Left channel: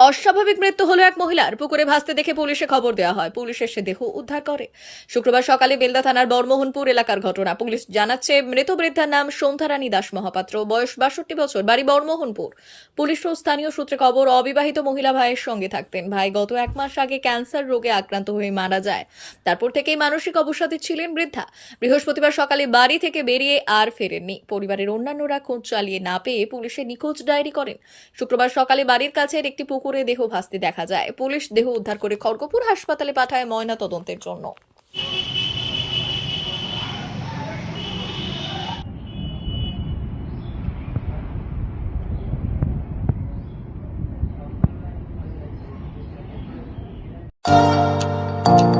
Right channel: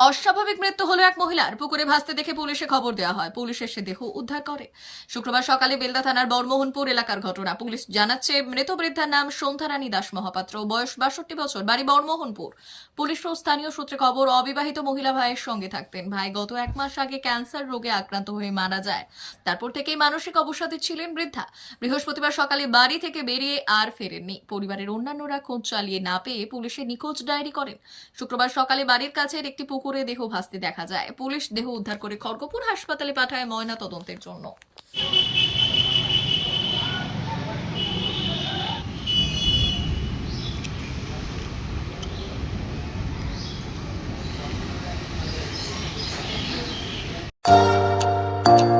অস্বাভাবিক মৃত্যু হলো এক মহিলার। পুকুরে ভাসতে দেখে পুলিশে খবর দেওয়া হয়। পুলিশ এসে দেহ উদ্ধার করে। শুক্রবার সকালে বেলদা থানার বর্মোহনপুর এলাকার ঘটনা। পুলিশ জানাচ্ছে, মৃত বৃদ্ধার নাম সন্ধ্যারানী দাস মহাপাত্র। বয়স বাষট্টি বছর, বাড়ি বর্মোহনপুর পুলিশ ও স্থানীয় সূত্রে খবর, অবিবাহিত মহিলা ভাইয়ের সঙ্গে থাকতেন। ভাই গত এক মাস আগে ক্যান্সার রোগে আক্রান্ত হয়ে মারা যায়। তারপর থেকেই মানসিক অবসাদে ছিলেন বৃদ্ধা। বৃহস্পতিবার সকালে বাড়ি থেকে বেরিয়ে আর ফেরেননি। পরিবারের অন্যান্যরা খোঁজ চালিয়ে না পেয়ে পুলিশে নিখোঁজ ডায়েরি করেন। শুক্রবার সকালে বাড়ির কাছের একটি পুকুরে দেহ ভাসতে দেখা যায়। পুলিশ দেহ উদ্ধার করে খড়গপুর হাসপাতালে পাঠায় ময়না তদন্তের জন্য। উন্নত